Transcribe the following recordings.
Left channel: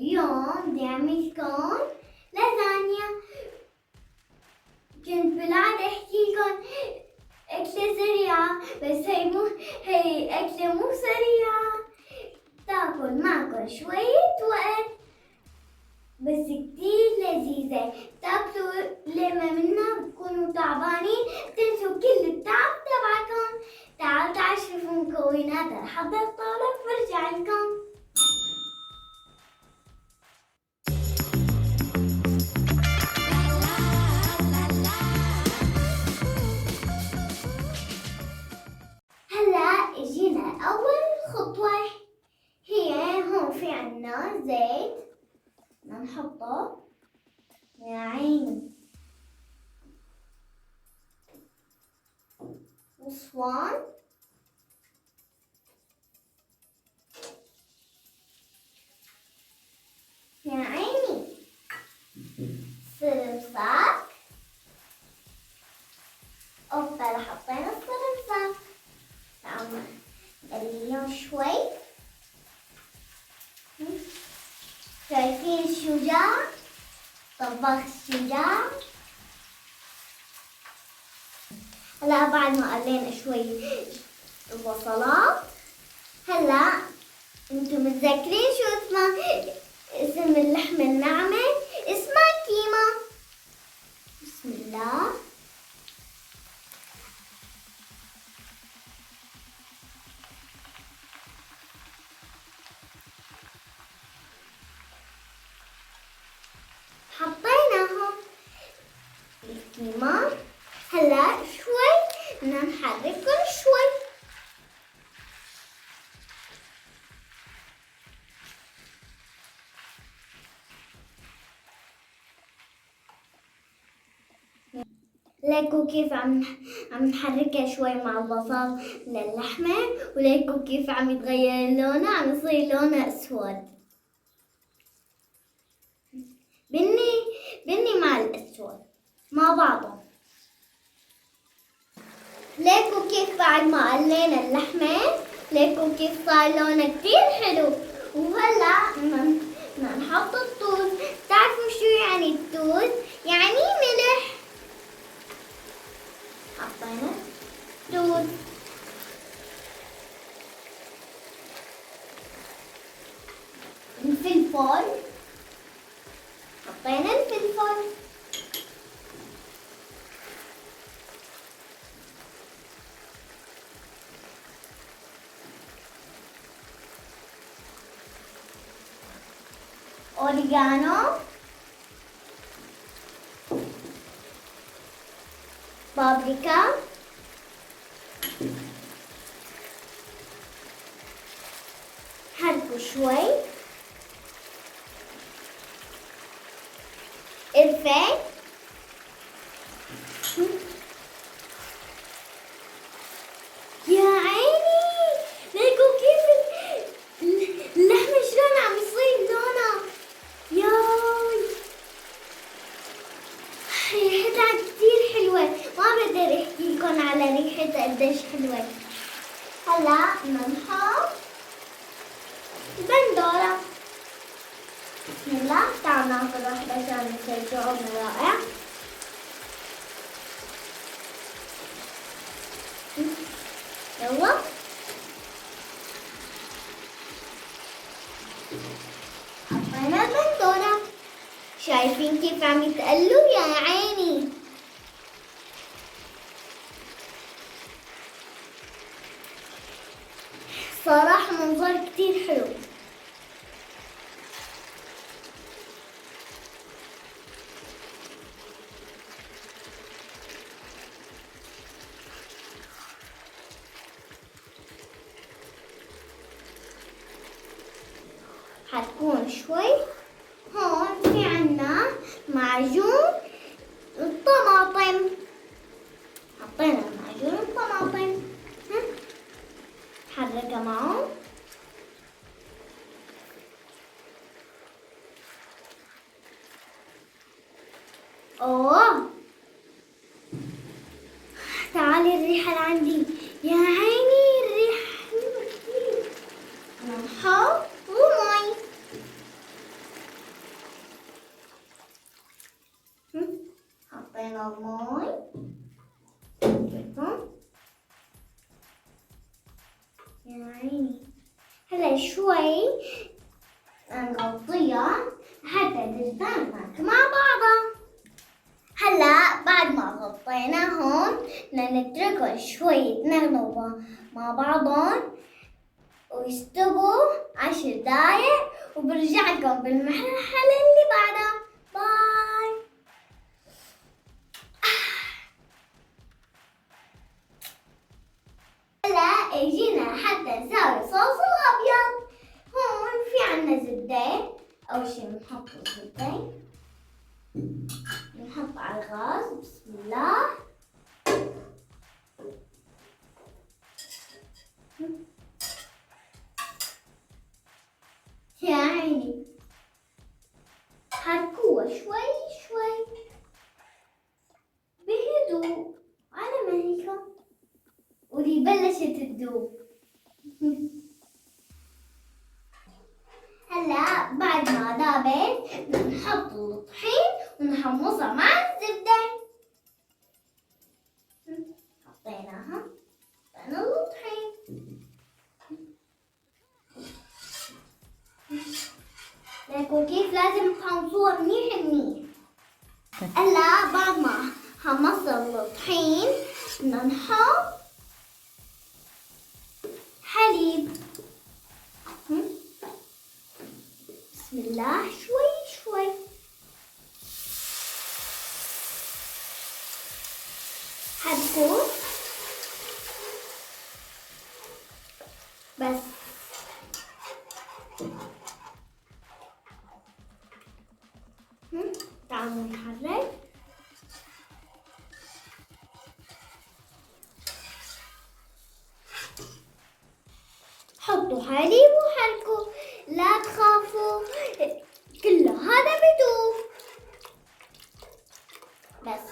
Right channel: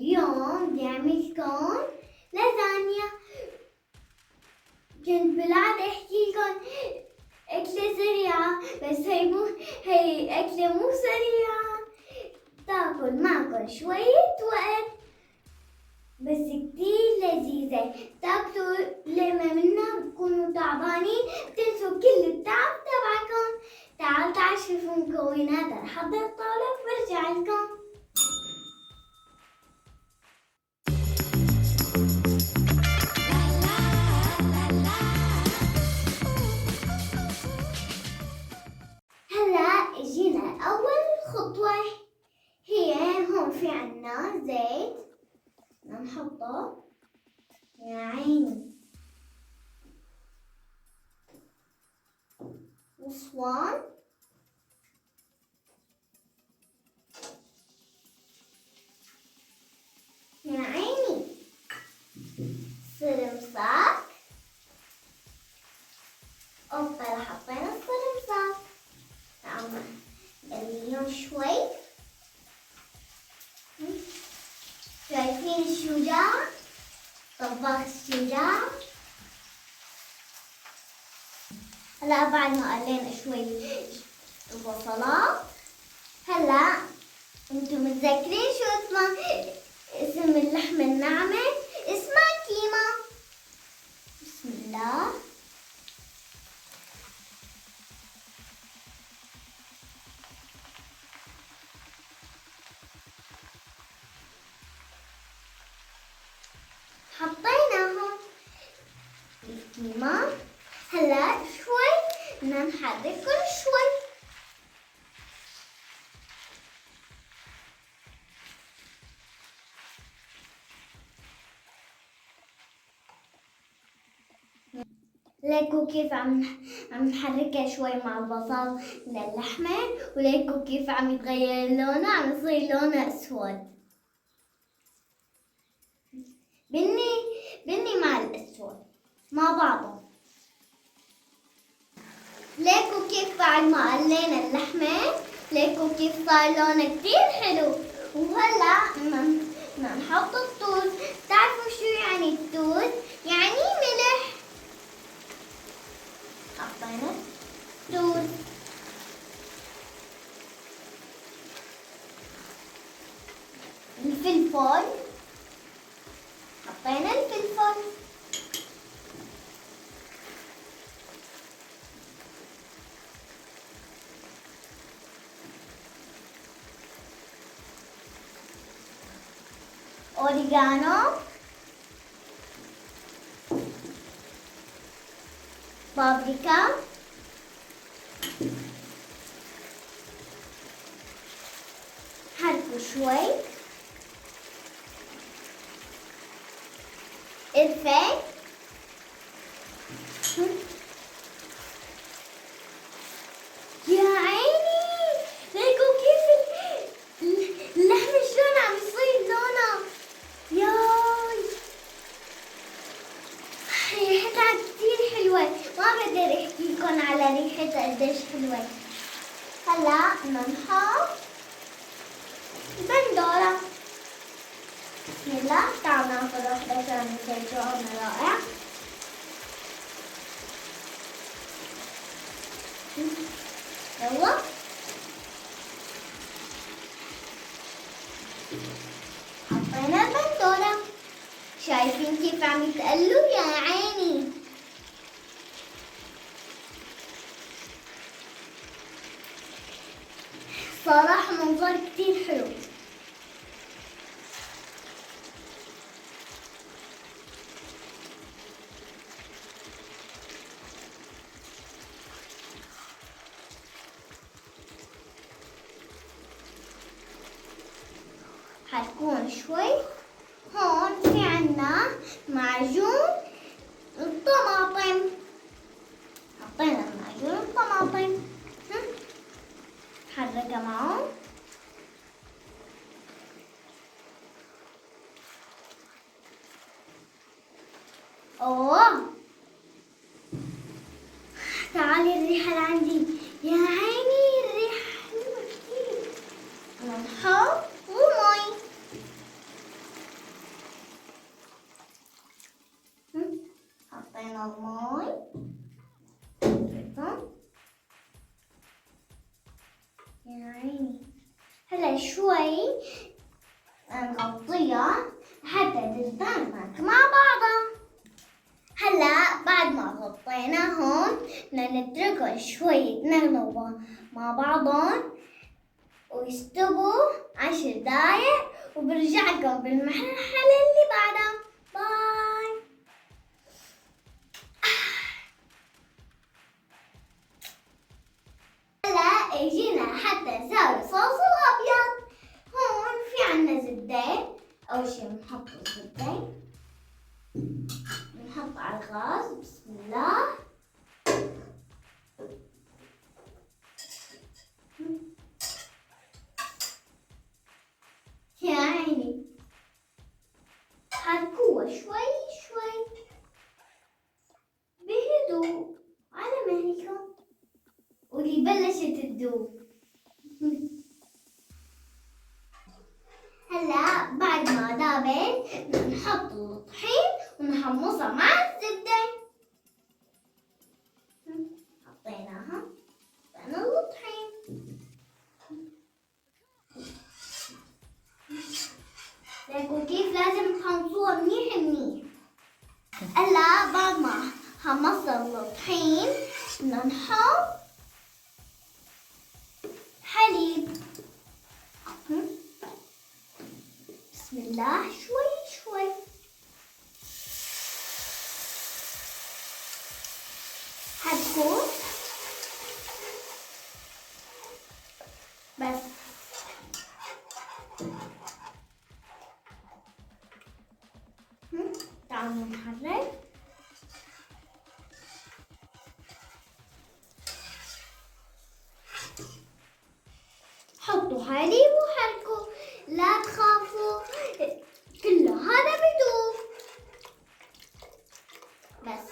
اليوم بدي أعملكم لازانيا. كنت بالعادة أحكي لكم أكلة سريعة، بس هي أكلة مو سريعة، تاكل معكم شوية وقت بس كتير لذيذة. تاكلوا لما منا بكونوا تعبانين تنسوا كل التعب تبعكم. تعالوا شوفوا مكونات لحد الطاولة برجع لكم. هلا اجينا اول خطوة، هي هون في عنا زيت بدنا نحطه يا عيني، وصوان، يا عيني، سرمساك. اوبا حطينا السرمساك. تعالوا نقليهم شوي. شايفين الشجاع؟ طباخ الشجاع. هلا بعد ما قلينا شوي البصلات، هلا انتم متذكرين شو اسم اللحمة الناعمة؟ اسمها كيما. بسم الله. حطيناهم الكيما. هلا شوي بدنا نحركهم شوي. ليكوا كيف عم نحركها شوي مع البصل للحمة، وليكوا كيف عم يتغير لونها، عم يصير لونها اسود، بني مع الاسود مع بعضهم. ليكوا كيف بعد ما قلينا اللحمة، ليكوا كيف صار لونها كتير حلو. وهلا بدنا نحط التوز. بتعرفوا شو يعني التوز؟ يعني ملح. حطينا التوز. الفلفل، حطينا الفلفل. أوريجانو، بابريكا، حركوا شوي، قرفة، يا عيني ليكوا كيف اللحمة شلون عم يصير لونها. ياي ريحتها كتير حلوة، ما بقدر احكي لكم على ريحتها قديش حلوة. هلا بدنا نحط البندورة. بسم الله. تعالوا ناخذ واحدة عشان نسويهم رائع. يلا حطينا البندورة. شايفين كيف عم يتقلوا يا عيني؟ صراحة منظر كتير حلو. حتكون شوي. هون في عنا معجون الطماطم. حطينا معجون الطماطم. حركها معه. اوه تعالي الريحة لعندي يا عيني، الريحة حلوة كتير. نحط مي. حطينا الماء. يا عيني. هلا شوي نغطيها حتى تتدمج مع بعضها. هلا بعد ما غطيناهم بدنا نتركهم شوي يتنغنوا مع بعضهم ويستووا 10 دقايق، وبرجع لكم بالمرحلة اللي بعدها. باي. هلا اجينا حتى نسوي صوص الابيض. هون في عنا زبدة. اول شي بنحط الزبدة، بنحط على الغاز. بسم الله. يا عيني حركوها شوي شوي بهدوء على مهلكم، ودي بلشت تذوب. هلا بعد ما ذابت بنحط الطحين ونحمصها مع الزبدة. حطينا الطحين. لكن كيف لازم تحمصوها منيح منيح. هلا بعد ما حمصنا الطحين بدنا نحط حليب. بسم الله. شوي شوي. حركوا بس. تعالوا نحرك. حطوا حليب وحركوا، لا تخافوا، كل هذا بدوب. بس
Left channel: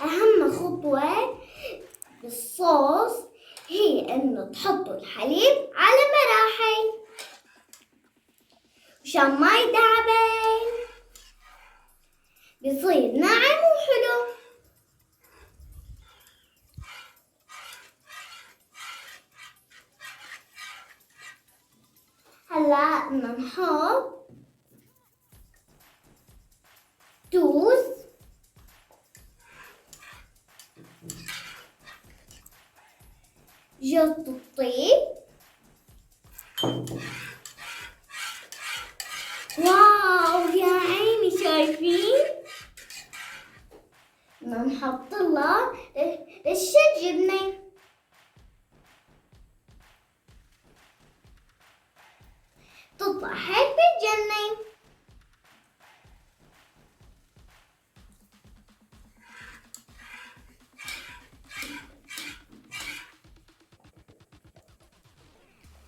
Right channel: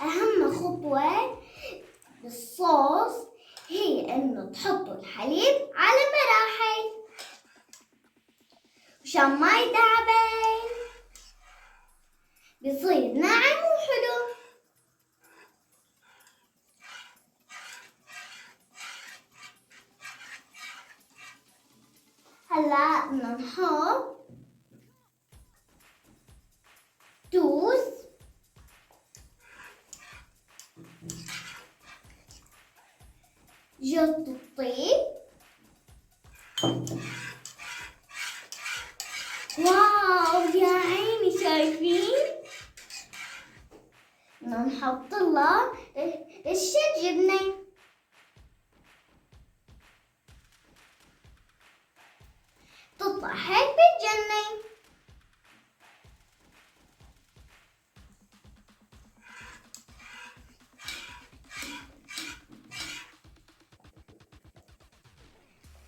أهم خطوة بالصوص هي إنه تحطوا الحليب على مراحل مشان ما يتعبن، بيصير ناعم وحلو. هلا بدنا نحط توز، جوز الطيب. واو يا عيني شايفين؟ بدنا نحط لها رشة جبنة. تطلع هيك بتجنن.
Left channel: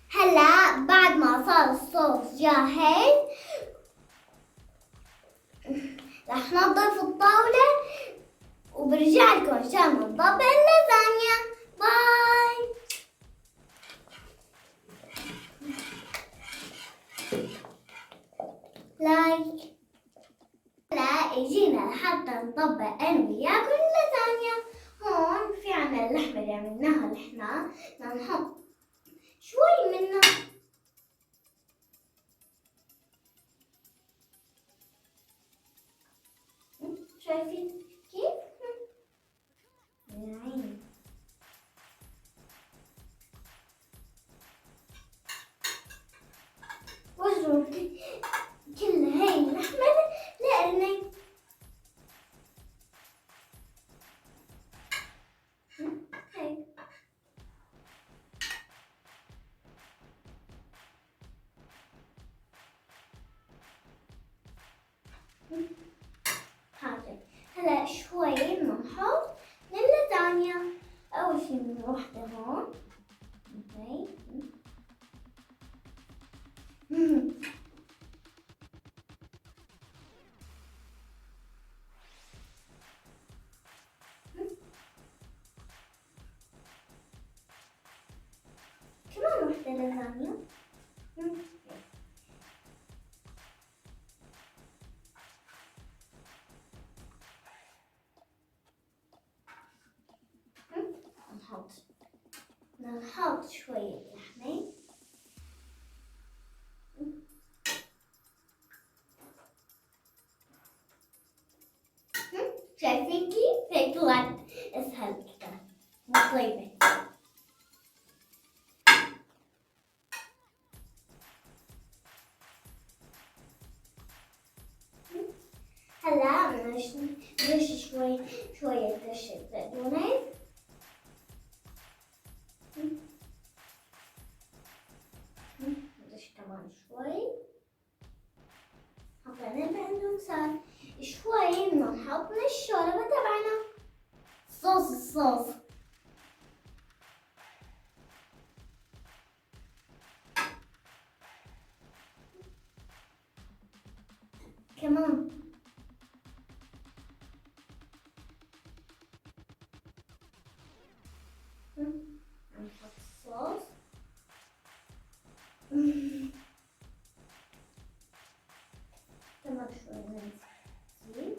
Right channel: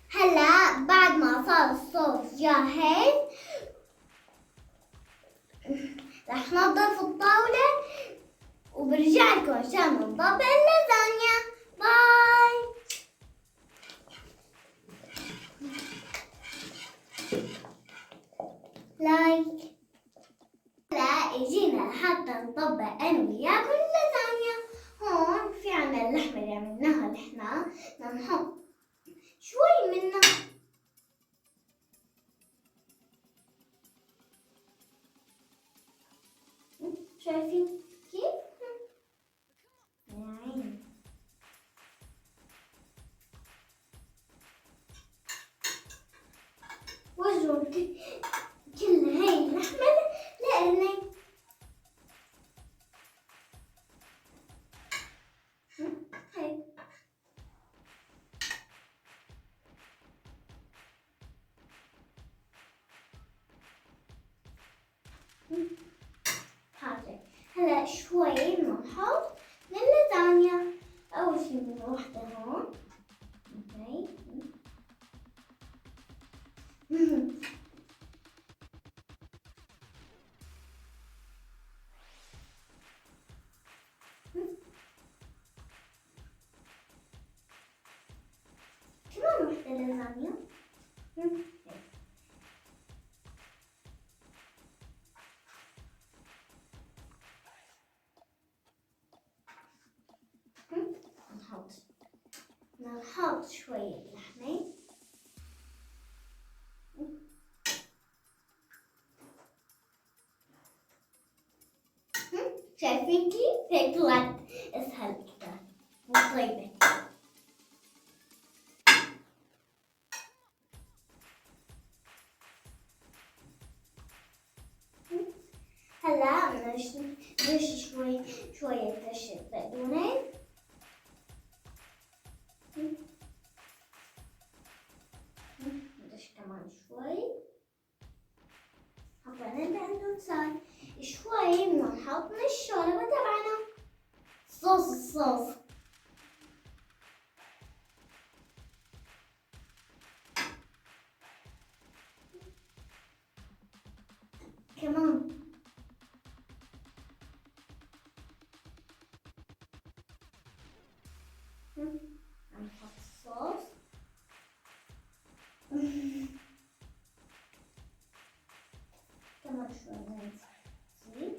هلا بعد ما صار الصوص جاهز رح ننظف الطاولة وبرجع لكم عشان نطبق اللازانيا. باي. لايك. هلا اجينا لحتى نطبق انا وياكم اللازانيا. هون في عنا اللحمة اللي عملناها احنا، بدنا نحط شوي منها. شايفين كيف؟ يا عيني. وزنوا كل هاي اللحمة لأني هاي. هلا شوي بنحط اللازانيا. أول شي من وحدة هون. اوكي. كمان وحدة لازانيا. نحط شوية لحمة. شايفين كيف؟ هيك طلعت اسهل كتير وطيبة. هلا نرش شوية رشة بقدونس. نرش كمان شوي. حطينا البقدونسات شوي. بدنا نحط من الشوربة تبعنا الصوص. كمان عم نحط الصوص. كمان شوي نزيد.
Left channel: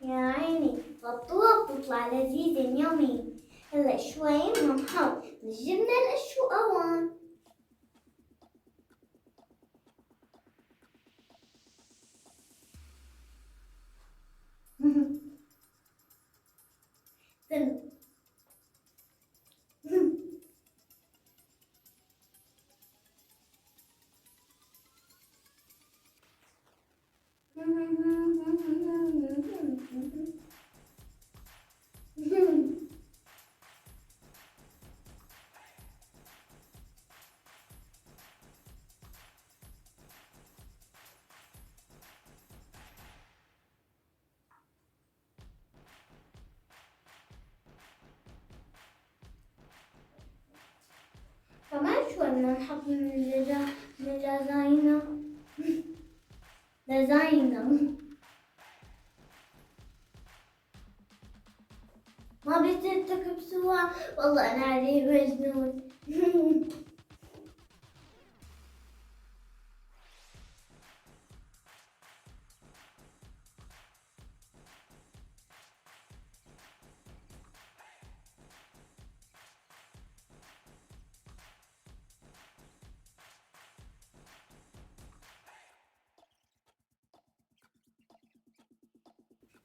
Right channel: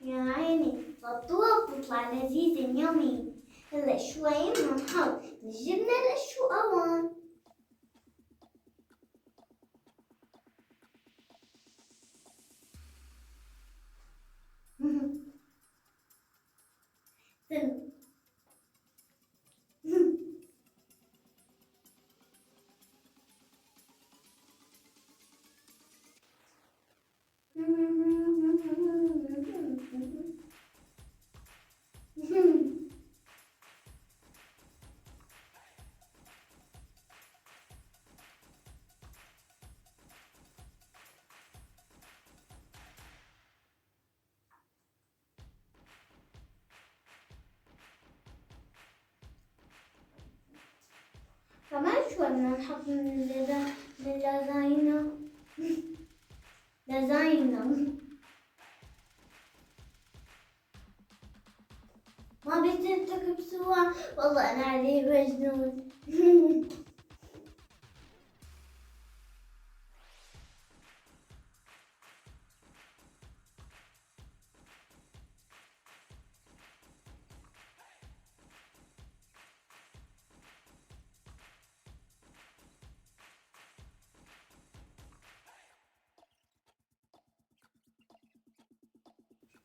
يا عيني بطوة بتطلع لذيذة يمي. هلا شوي بدنا نحط الجبنة القوام. كمان شوي بدنا نحط من اللازانيا. ما بتترك بسوا والله أنا عليه مجنون.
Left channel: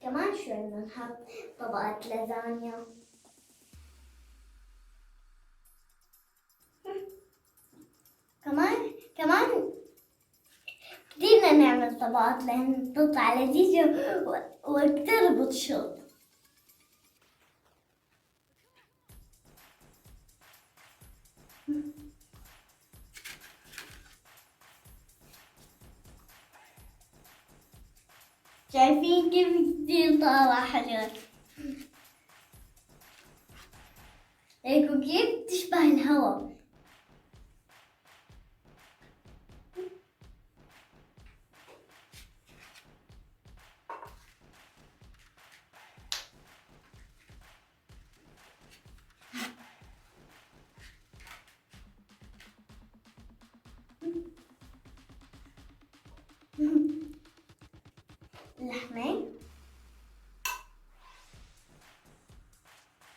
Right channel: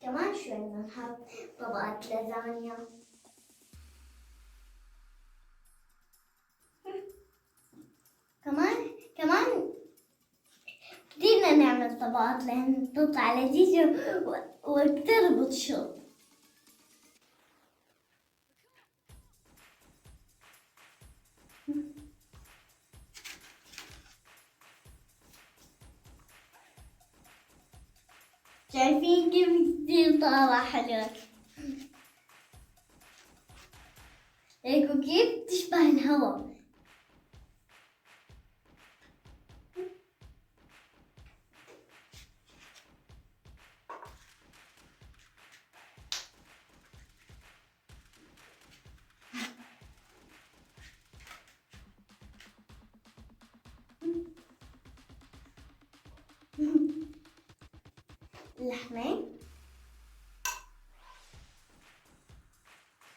كمان شوي بدنا نحط طبقة لازانيا. كمان كتير بدنا نعمل طبقات لأن تطلع لذيذة وكتير بتشط. شايفين كيف كتير طالع حلو؟ هيك كيف تشبه الهواء. اللحمة.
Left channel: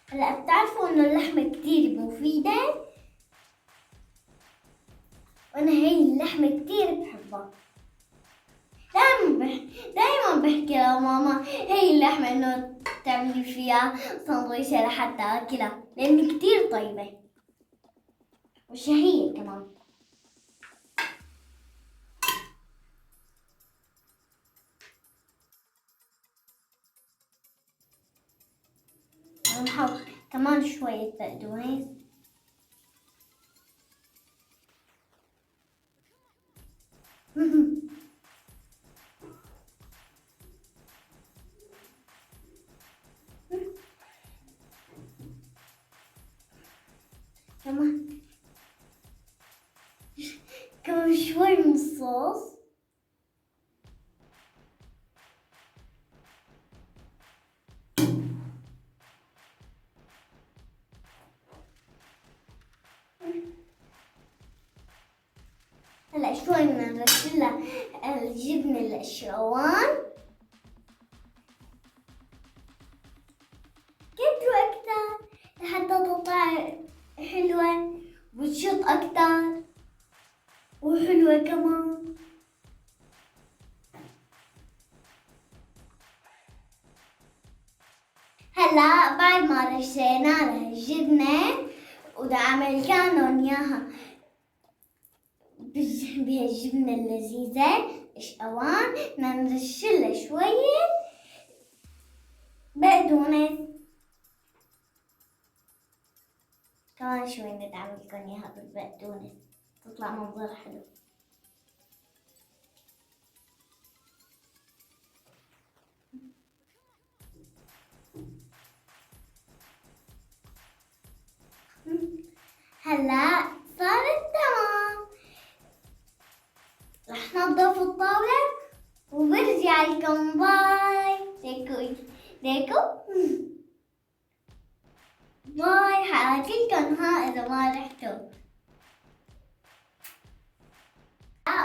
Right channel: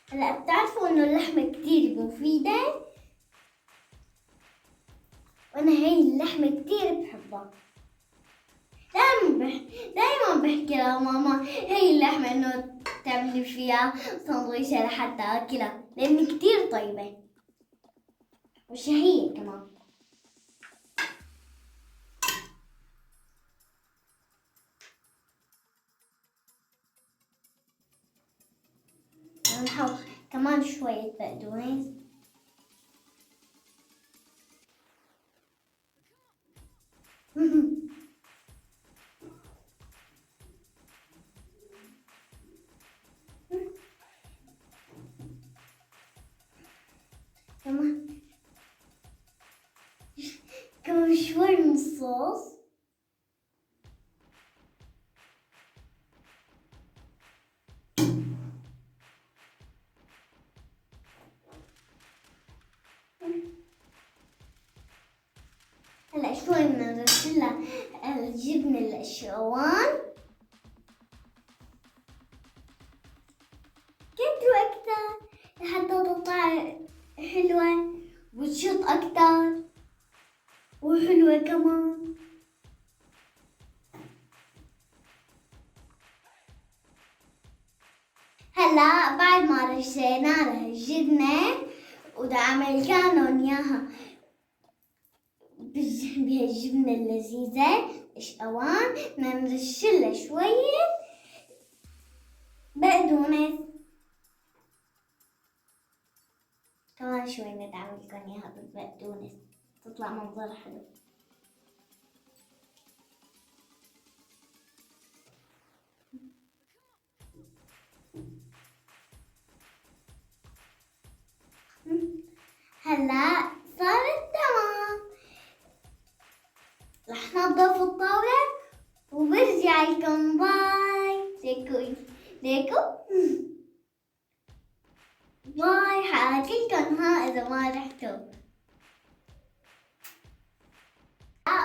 هلا بتعرفوا انه اللحمة كتير مفيدة، وانا هي اللحمة كتير بحبها. دايما بحكي لماما هي اللحمة انه تعملي فيها سندويشة لحتى اكلها لان كتير طيبة وشهية كمان. نحط كمان شوية بقدونس. كمان شوي من الصوص. هلا شوي بدنا نرشلها الجبنة القشروان. كنت وقتها لحتى تطلع حلوة وتشط أكتر وحلوة كمان. هلا بعد ما رشينا لها الجبنة ودا أعمل كانون إياها بهالجبنة اللذيذة إيش أوان بدنا نرشلها شوية بقدونس كمان شوي ندعم لكم إياها بالبقدونس تطلع منظر حلو. هلا صارت تمام. رح نضف الطاولة وبرجع لكم. باي. ليكو باي. حاكلكم ها إذا ما رحتوا.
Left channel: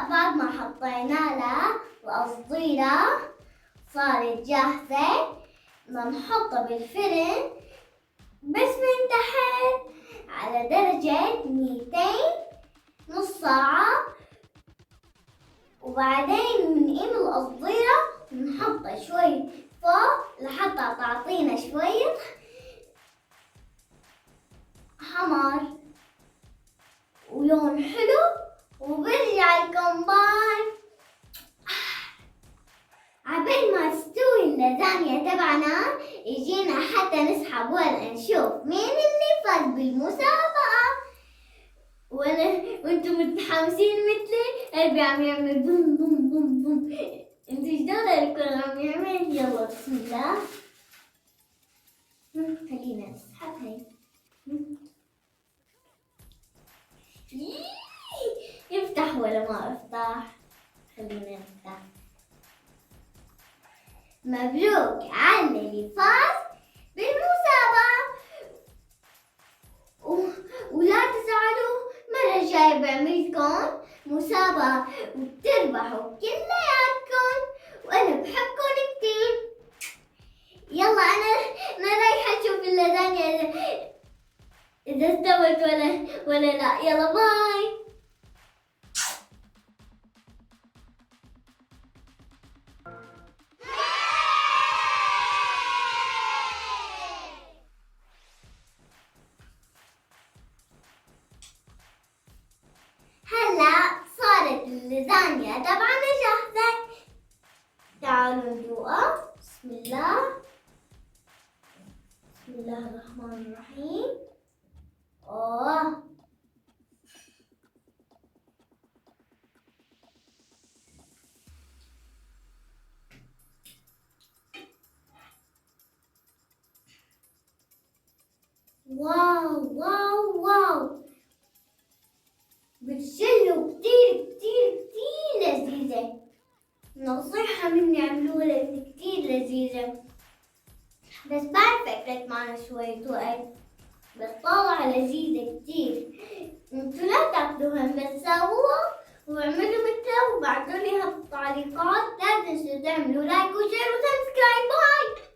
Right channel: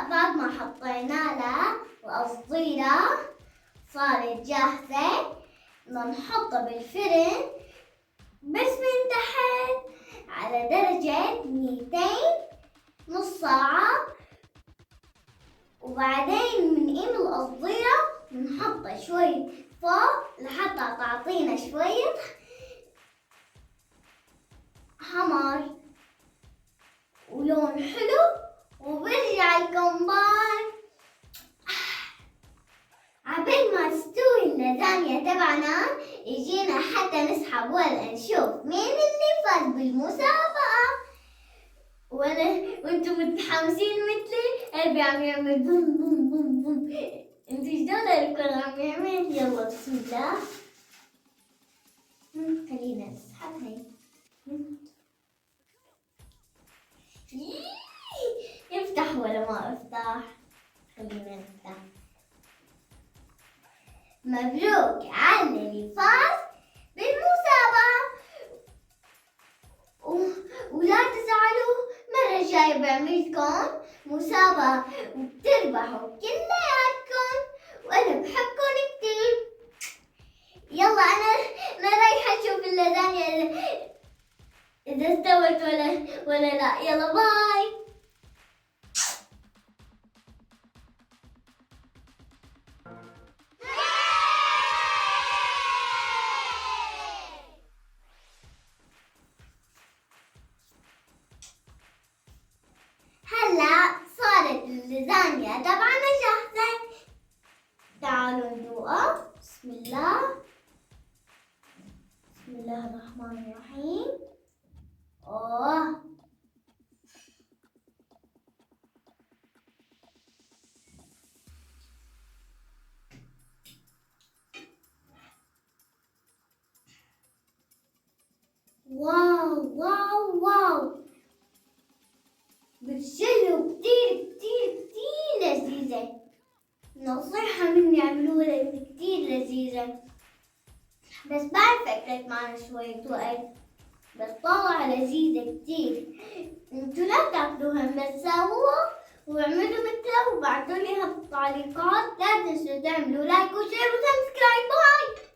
بعد ما حطينا لها القصديرة صارت جاهزة. بدنا نحطها بالفرن بس من تحت على درجة 200 نص ساعة، وبعدين بنقيم القصديرة ونحطها شوي فوق لحتى تعطينا شوية حمر ولون حلو، وبرجع لكم. باي. عبين ما تستوي اللازانيا تبعنا يجينا حتى نسحب ولا نشوف مين اللي فاز بالمسابقة. وانتم متحمسين مثلي، قلبي عم يعمل بوم بوم بوم بوم. انتوا ايش دخلكم عم يعمل؟ يلا بسم الله. خلينا نسحب هاي. يفتح ولا ما افتح؟ خلينا نفتح. مبروك على اللي فاز بالمسابقة، ولا تزعلوا مرة جاي بعملكم مسابقة وبتربحوا كلياتكم، وأنا بحبكم كتير. يلا أنا رايحة أشوف اللازانيا إذا استوت ولا لا. يلا باي. هلا صارت اللازانيا تبعنا جاهزة. تعالوا ندوقها. بسم الله. بسم الله الرحمن الرحيم. واو واو واو. بتشلوا كتير كتير كتير لذيذة. نصيحة مني اعملوها لأن كتير لذيذة، بس بعرف أكلت معنا شوية وقت، بس طالعة لذيذة كتير. انتوا لا تاكلوها بس سووها واعملوا مثلها وبعتولي اياها بالتعليقات. لا تنسوا تعملوا لايك وشير وسبسكرايب. باي.